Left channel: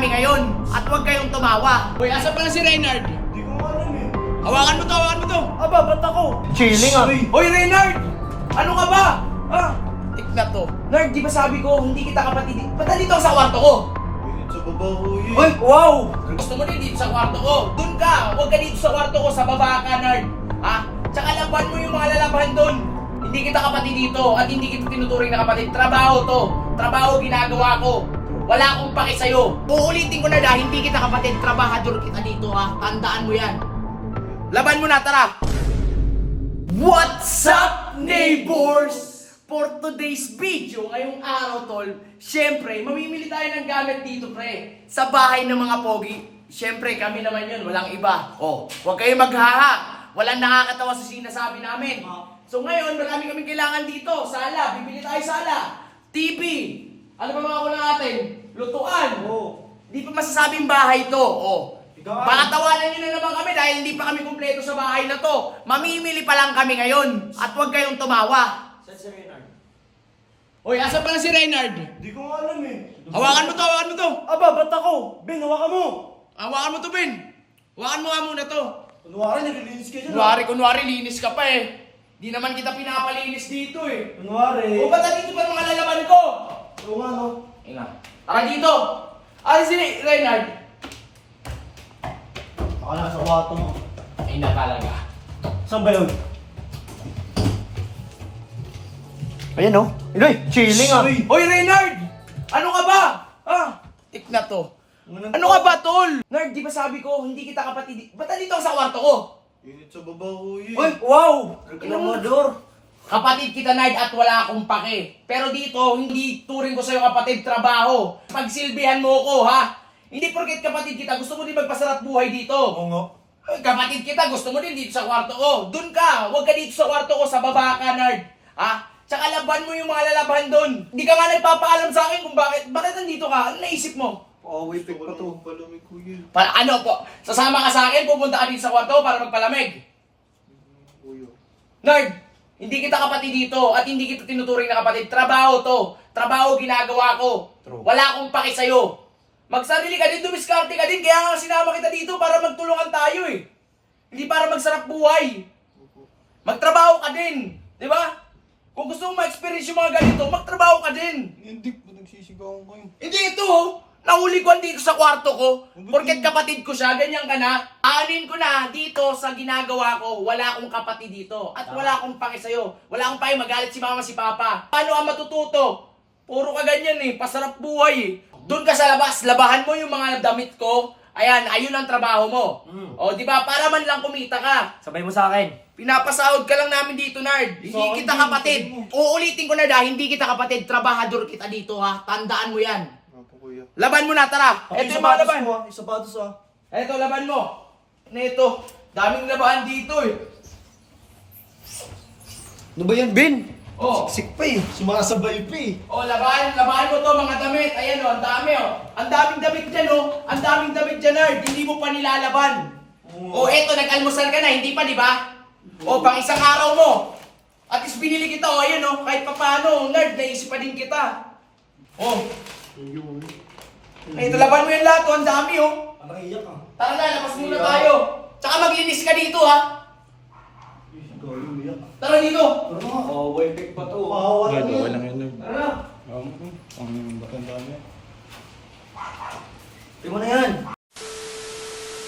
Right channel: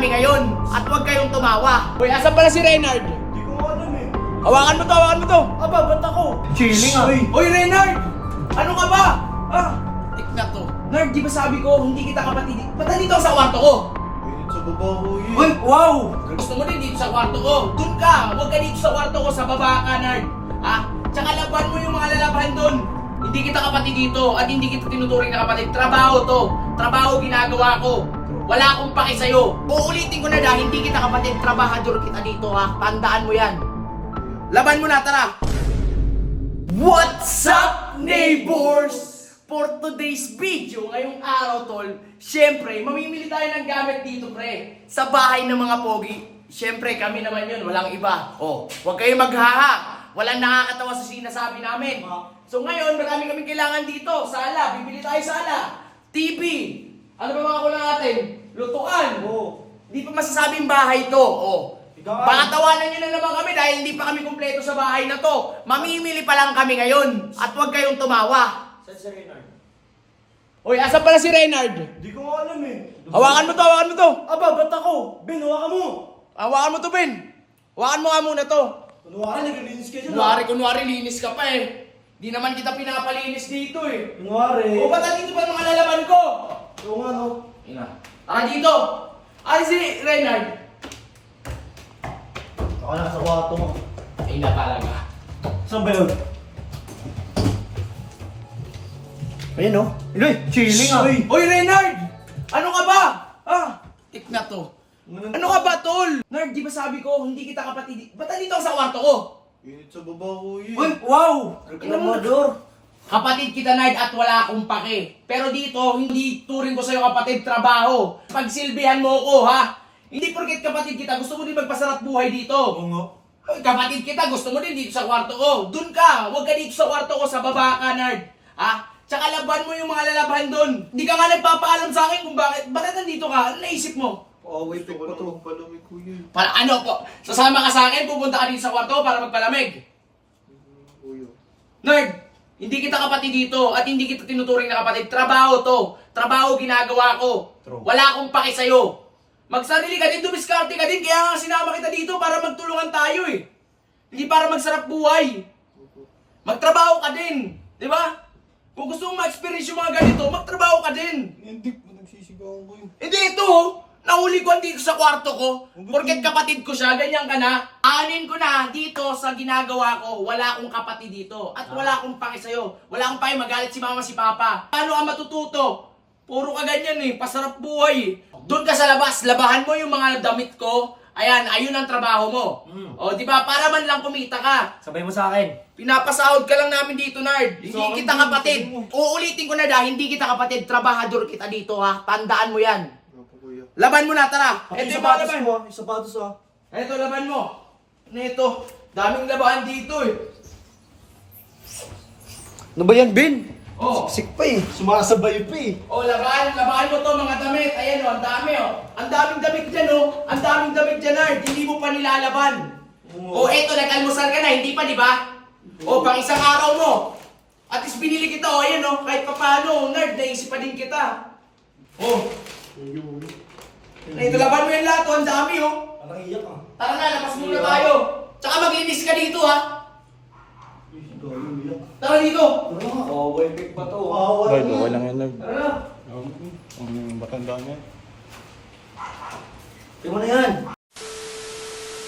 kami ngayon. At huwag kayong tumawa. Uy, asan pala si Reynard? Hindi ko alam eh. Hawakan mo to, hawakan mo to. Aba, ba't ako? Chilling ah. Uy, Reynard! Ano ka ba? Tik na to. Nard, di ba sabi ko, hindi kita kapatid. Ba't nandito ka sa kwarto ko? Pilit sa baba ko eh. Uy, wow! Gusto mo din dito sa kwarto ko. Doon ka! Huwag ka dito sa kwarto ko, sa baba ka, Nard. Tsaka laban mo yung mga lalaban doon. Hindi kita kapatid dito at hindi kita tinuturing na kapatid. Trabaho to. Trabaho ginagawa ko. Wala akong paki sa'yo. Uulitin ko na dahil hindi kita kapatid. Trabahador kita dito ha. Tandaan mo yan. Laban mo na, tara! What's up, neighbors? For today's video, ngayong araw, tol, syempre, mamimili tayo ng gamit dito, pre. Sa bahay ng mga pogi. Syempre, kami naman yun, walang iba. Oh, huwag kayong maghaha. Walang nakakatawa sa sinasabi namin. So ngayon, marami kaming kailangan dito. Sala, bibili tayo sala. TV. Ano ba mga kulang natin? Lutuan. Oo. Di pa masasabing bahay to. Oh. Ikaw, Baka tawanan nyo na naman kami dahil hindi pa kami kumpleto sa bahay na to. Mamimili pa lang kami ngayon. At huwag kayong tumawa. Saan si Reynard? Uy, asan pala si Reynard? Hindi ko alam eh. Hawakan mo to, hawakan mo to. Aba, ba't ako? Ben, hawakan mo. Hawakan mo to, Ben. Hawakan mo nga muna to. Kunwari, naglilinis ka dyan. Kunwari, linis ka pa eh. Di naman kita pinapalinis dito eh. Kunwari. O ba't dito pa mga lalaman ko? Oo nga no. Inga. Tara dito. Ay, si Reynard. Ako na sa kwarto mo. Ay na talaga. Saan ba yun? Ayun oh. Iloy, chilling ah. Hoy, Reynard! Ano ka ba? Tik na to. Ano ka ba, tol? Nard, di ba sabi ko, hindi kita kapatid. Ba't nandito ka sa kwarto ko? Pilit sa baba ko eh. Uy, wow! Reklamador. Kapatid kita, Nard, at wala akong pake. Pero dito, hindi turing ko sa'yo kapatid, trabaho. Pagsilbihan mo ko, ha? Hindi porket kapatid kita, gusto mo din magpasarap buhay dito. Oo nga. Ay, kapatid kita, gusto mo din dito sa kwarto ko. Doon ka, huwag ka dito sa kwarto ko, sa baba ka, Nard. Tsaka laban mo yung mga lalaban doon. Hindi ka nga nagpapaalam sa akin kung bakit nandito ka. Ano naisip mo? Away pa to. Palamig ko yun. Para ano po? Sasama ka sa akin, pupunta ka dito sa kwarto para magpalamig. Uyo. Nerd, hindi kita kapatid dito at hindi kita tinuturing na kapatid. Trabaho to. Trabaho ginagawa ko. True. Wala akong paki sa'yo. Magsarili ka din, dumiskarte ka din. Kaya nga sinama kita dito para magtulungan tayo eh. Hindi para magsarap buhay. Magtrabaho ka din. Di ba? Kung gusto mong ma-experience yung mga ganito, magtrabaho ka din. Hindi po nagsisigawan ko yun. Hindi ito, nahuli ko dito sa kwarto ko. Porket kapatid ko siya, ganyan ka na. Aanin ko na dito sa ginagawa ko, wala akong kapatid dito. At wala akong pake sa'yo. Wala akong pake, magalit si mama, si papa. Paano ka matututo? Puro ka ganyan eh, pasarap buhay eh. Doon ka sa labas, labahan mo yung mga damit ko. Ayan, ayun ang trabaho mo. O, di ba? Para man lang kumita ka. Sabay mo sa akin. Pinapasahod ka lang namin dito, Nard. Hindi kita kapatid. Uulitin ko na dahil hindi kita kapatid. Trabahador kita dito, ha? Tandaan mo yan. Opo, kuya. Laban mo na, tara. Ito Ito yung yung mga sapatos laban. mo. Yung sapatos ah. Ito, laban mo. Ito. Daming labahan dito eh. Ano ba yan, Ben? Oh. Siksik pa eh. Sumasabay pa eh. Oh, labahan mo to mga damit. Ayan oh, ang dami oh. Ang daming damit dyan oh. Ang daming damit dyan, Nard. Hindi mo pa nilalaban. Oh, eto, nag-almusal ka na. Hindi pa, di ba? Oh, pang isang araw mo. At least binili kita oh. Ayan oh. Kahit pa paano, Nard, naisip pa din kita. Oh. Ito, laban mo yung lahat oh. Ang dami oh. Ang iyak ah. Tara na, labas muna tayo. Tsaka maglinis ka dito ha. Tara dito. Away pick pa to. Ay, okay lang yan. Tara na. Ang matanda na yan. Tingnan mo na yan.